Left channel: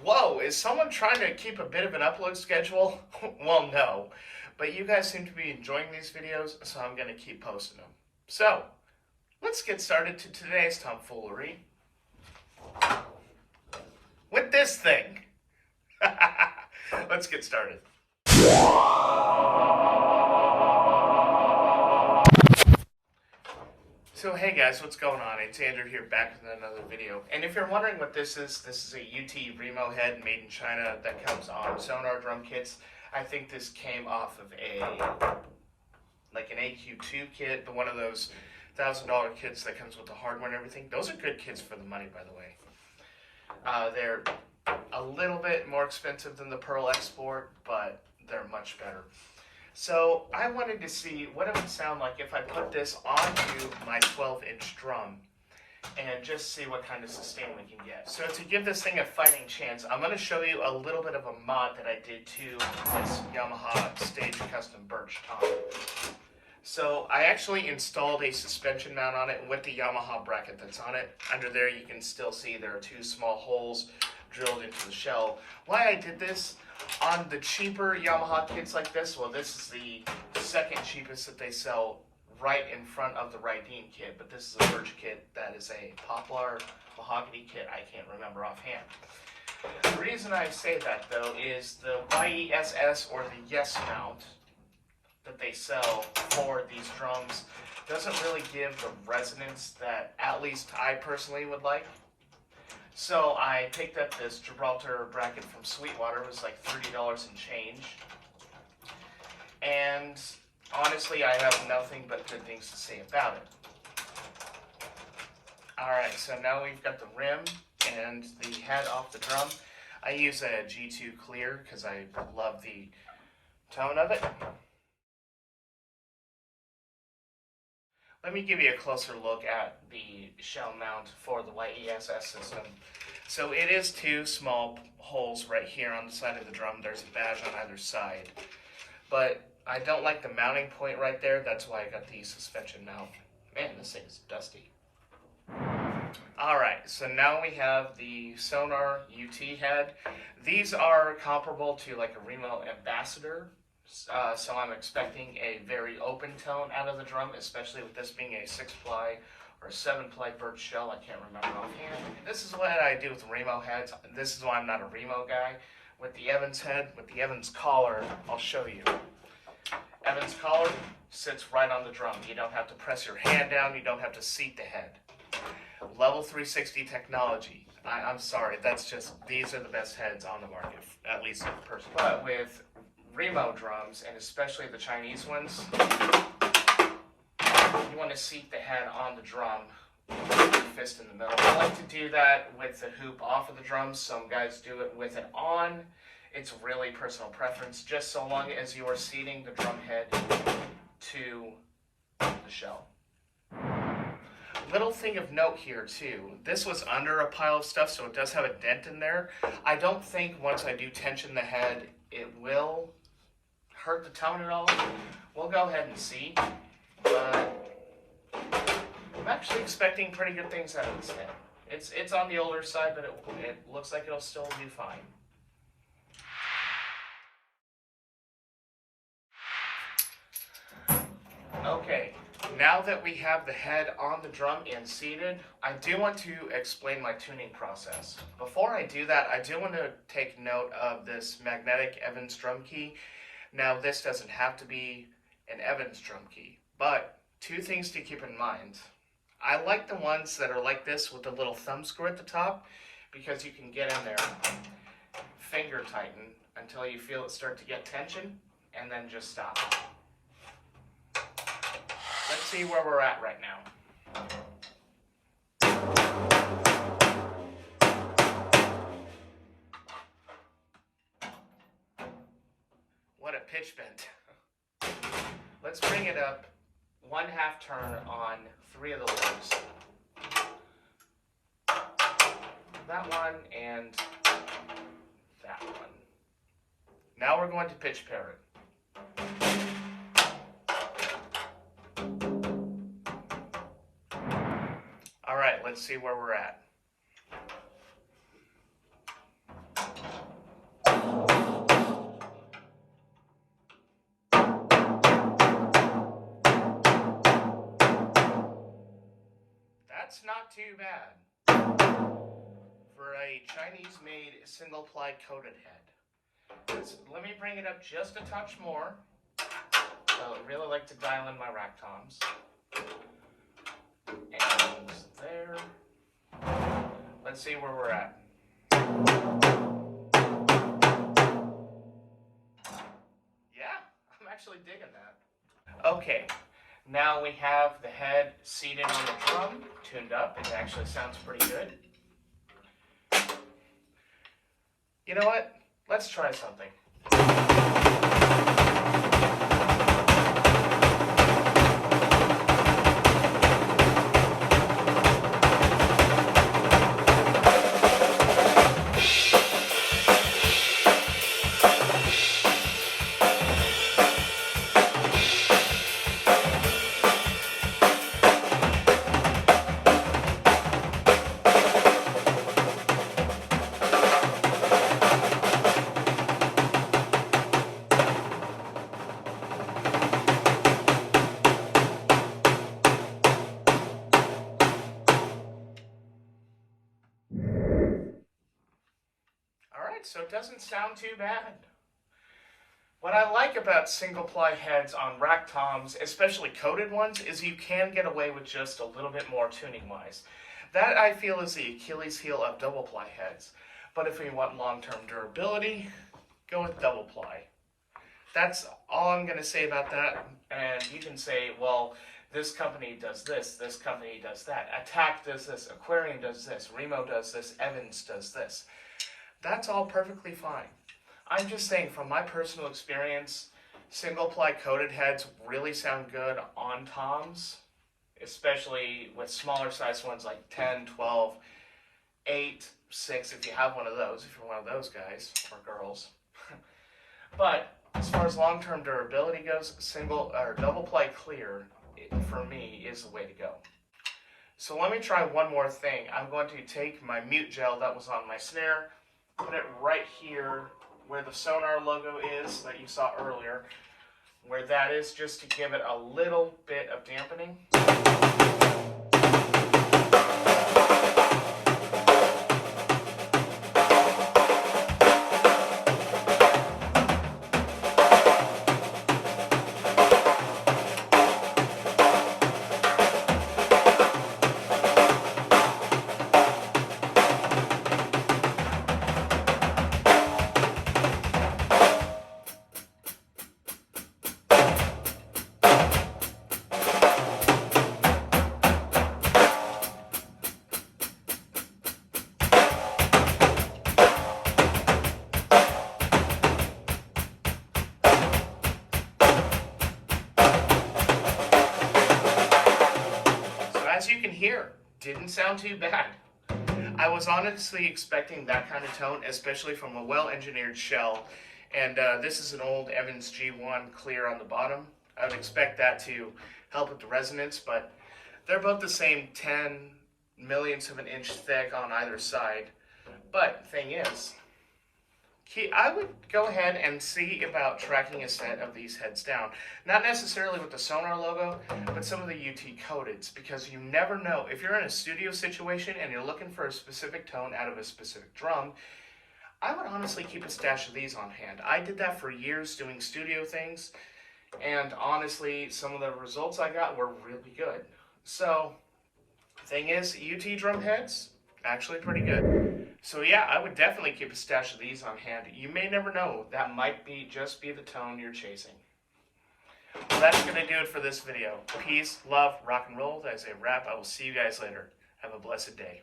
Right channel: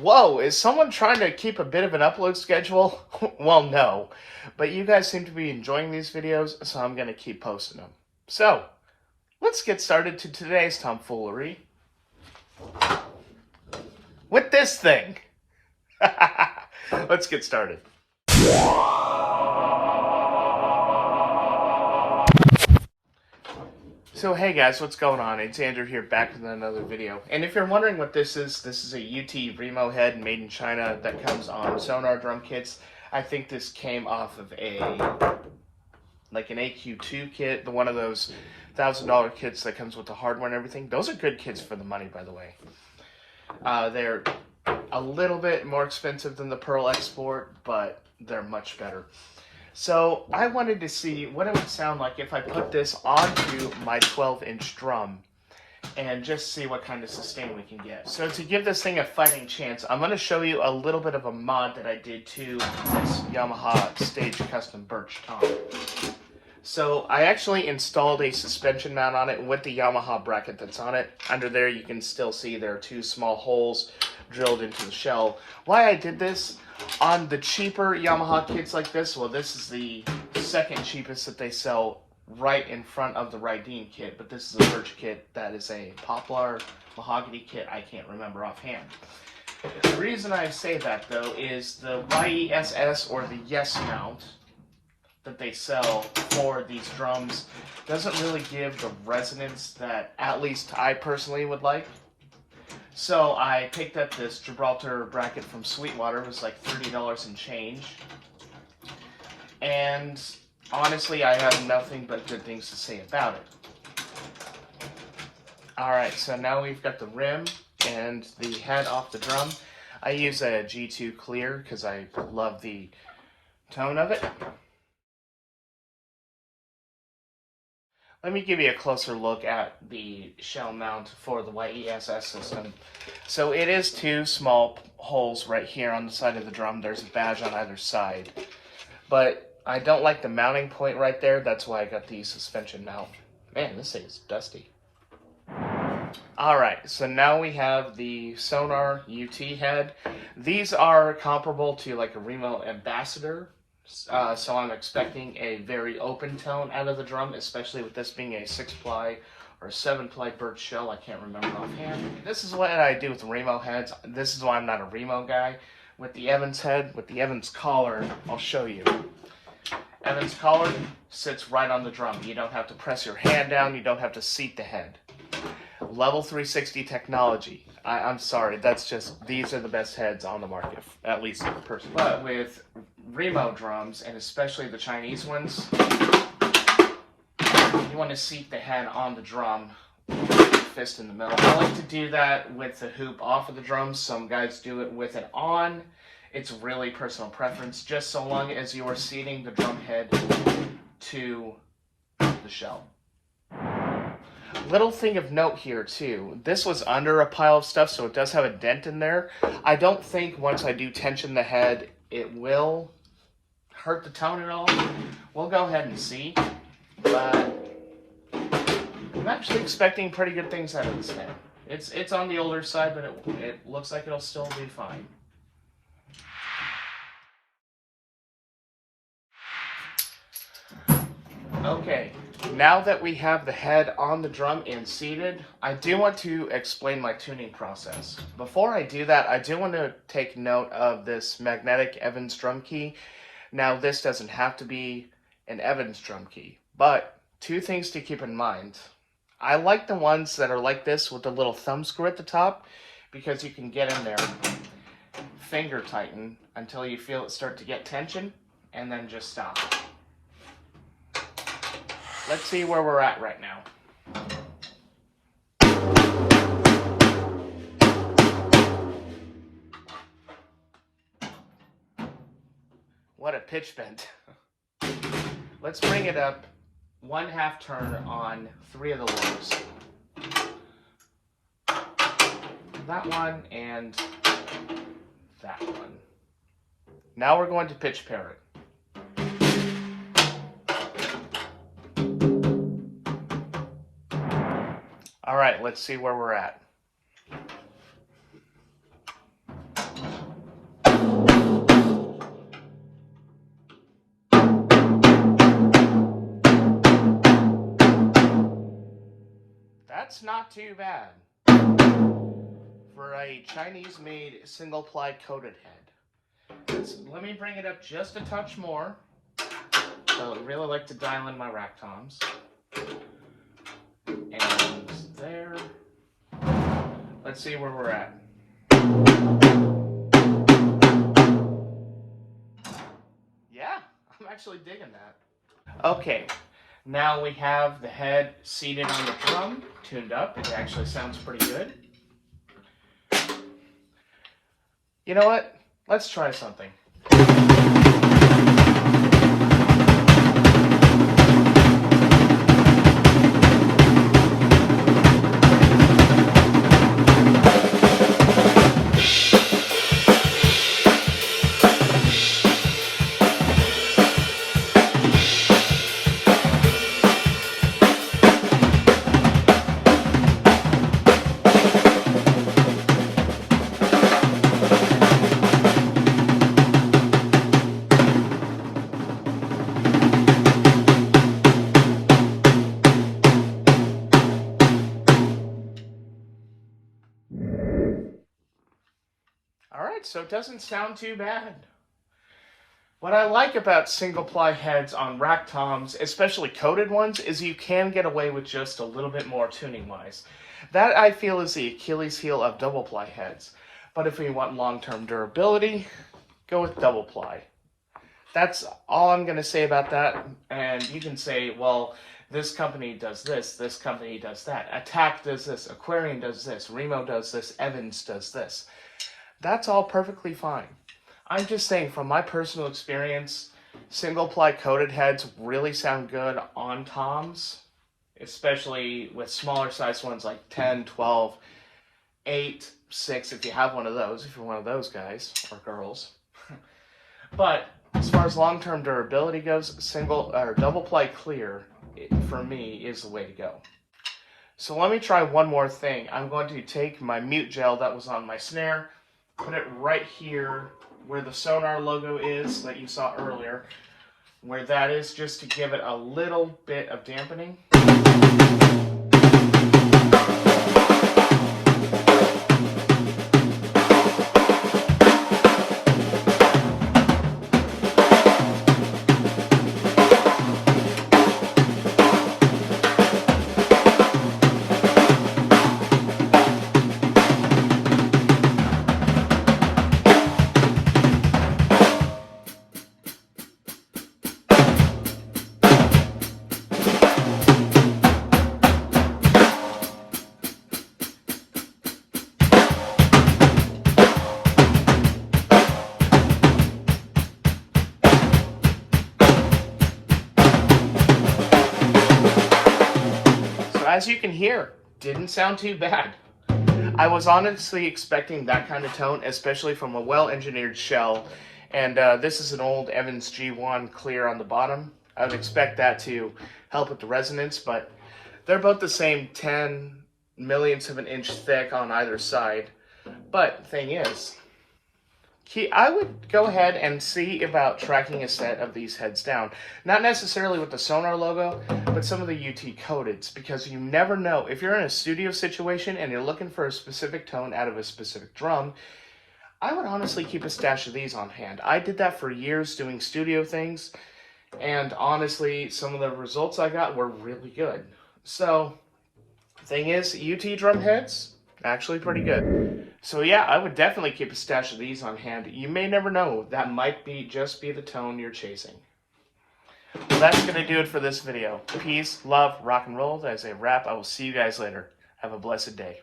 Whoa, is someone trying to keep a bit of an upload schedule? Well, no. But you guys seem to be enjoying these videos, so I'm going to keep posting them. So, let's get started to today's tomfoolery. With this thing. Let's get started. So hey guys, what's going on? It's Andrew here, back with another video. And if you're wondering what this is a UT Remo head made in China that comes on sonar drum kits. I think this came off of an AQ2 kit, one of those $1,000 kits that comes with the hardware and everything. Those are good kits for the money, by the way. They're a little bit more expensive than the Pearl Export, but they're much better. So I wanted to see what it would sound like if I put this onto my 12-inch drum and just see what kind of sustain we can get. So to give this thing a fighting chance, I'm going to show you a little bit of a mod that I did to this Yamaha Stage Custom Birch Tom. So I actually installed a suspension mount on it with the Yamaha bracket that's on it. Under there you can still see there are two small holes drilled into the shell. Why I did this? On the cheaper Yamaha kits like this, well, this is the second cheapest that they sell right in front of the Rydeen kit, but this is a birch kit that is a poplar mahogany kit. I can't remember offhand. The reason I say that, though, is the YESS or the Yes mount that they sell for these drums doesn't really give the resonance that at least I personally would like. So I picked up this Gibraltar bracket from Sweetwater. It was like $30 and change. And honestly, I have nothing but good things to say about it. Alright, so now we've got the rim and the head off the drum. I use a G2 clear because I love the tone of it. Let me give you a closer look at the shell mount for the YESS system. So it is two small holes right here on the side of the drum. There's a badge on either side. But I don't like the mounting point right there. That's why I got the suspension mount. Man, this thing is dusty. Alright, so now we have the Sonar UT head. These are comparable to like a Remo Ambassador. So I'm expecting a very open tone out of the drum, especially with this being a 6-ply or a 7-ply birch shell. I can't remember offhand. This is what I do with Remo heads. This is why I'm not a Remo guy. With the Evans head, with the Evans collar, I'll show you. Evans collar sits right on the drum. You don't have to press your hand down. You don't have to seat the head. Level 360 technology. I'm sorry, that's just, these are the best heads on the market, at least personally. But with Remo drums, and especially the Chinese ones, you want to seat the head on the drum with your fist in the middle. I like to do that with the hoop off of the drum. Some guys do it with it on. It's really personal preference, just so long as you are seating the drum head to the shell. Little thing of note here too, this was under a pile of stuff, so it does have a dent in there. I don't think once I do tension the head, it will hurt the tone at all. We'll go ahead and see, but I'm actually expecting pretty good things out of this head. It's on the older side, but it looks like it'll still be fine. Okay, now that we have the head on the drum and seated, I do want to explain my tuning process. Before I do that, I do want to take note of this magnetic Evans drum key. Now, this doesn't have to be an Evans drum key, but two things to keep in mind. I like the ones that are like this with the little thumb screw at the top, because you can get in there, finger tighten until you feel it start to get tension, and then just stop. Let's see where we're at right now. What a pitch bend. Let's bring it up 1/2 turn on 3 of the lows. That one and that one. Now we're going to pitch pair it. All right, let's see where we're at. That's not too bad for a Chinese-made single-ply coated head. Let me bring it up just a touch more. So I really like to dial in my rack toms. And there. Let's see where we're at. Yeah, I'm actually digging that. Okay, now we have the head seated on the drum, tuned up. It actually sounds pretty good. You know what? Let's try something. Alright, so it doesn't sound too bad. What I like about single-ply heads on rack toms, especially coated ones, is you can get away with just a little bit more tuning-wise. That, I feel, is the Achilles heel of double-ply heads. But if you want long-term durability, go with double-ply. That's all I'm going to say about that. And you can say, well, this company does this company does that. Attack does this, Aquarian does this, Remo does this, Evans does this. That's all perfectly fine. I'm just saying, from my personal experience, single-ply coated heads really sound good on toms, especially with smaller sized ones like 10, 12, 8, 6, if you have one of those, if you're one of those guys or girls. But as far as long-term durability goes, single or double-ply clear, for me, is the way to go. So let me try one more thing. I'm going to take my mute gel that was on my snare, put it right here where the Sonar logo is that you saw earlier, where that is, just to give it a little bit of dampening. As you can hear, didn't sound too bad. I was honestly expecting that kind of tone, especially from a well-engineered shell. And this is an old Evans G1 clear on the bottom. I would expect that to help with the resonance, but they're both the same 10 millionths of an inch thick on either side. But thing is, I would go ahead and see about tracking a set of these heads down. Not necessarily with the Sonar logo, but some of the UT codeds, because you never know. If you're in a studio situation and you're looking for a specific tone out of a specific drum, I would honestly keep a stash of these on hand. I did that for years doing studio things, and honestly, some of the results I got were really good. So, thing is, UT drum heads, actually pretty good. So yeah, I would definitely keep a stash of these on hand. You may never know, that might just be the tone you're chasing. Well, that's going to do it for this video. Peace, love, rock and roll. As a wrap, I will see you guys later. Have a blessed day.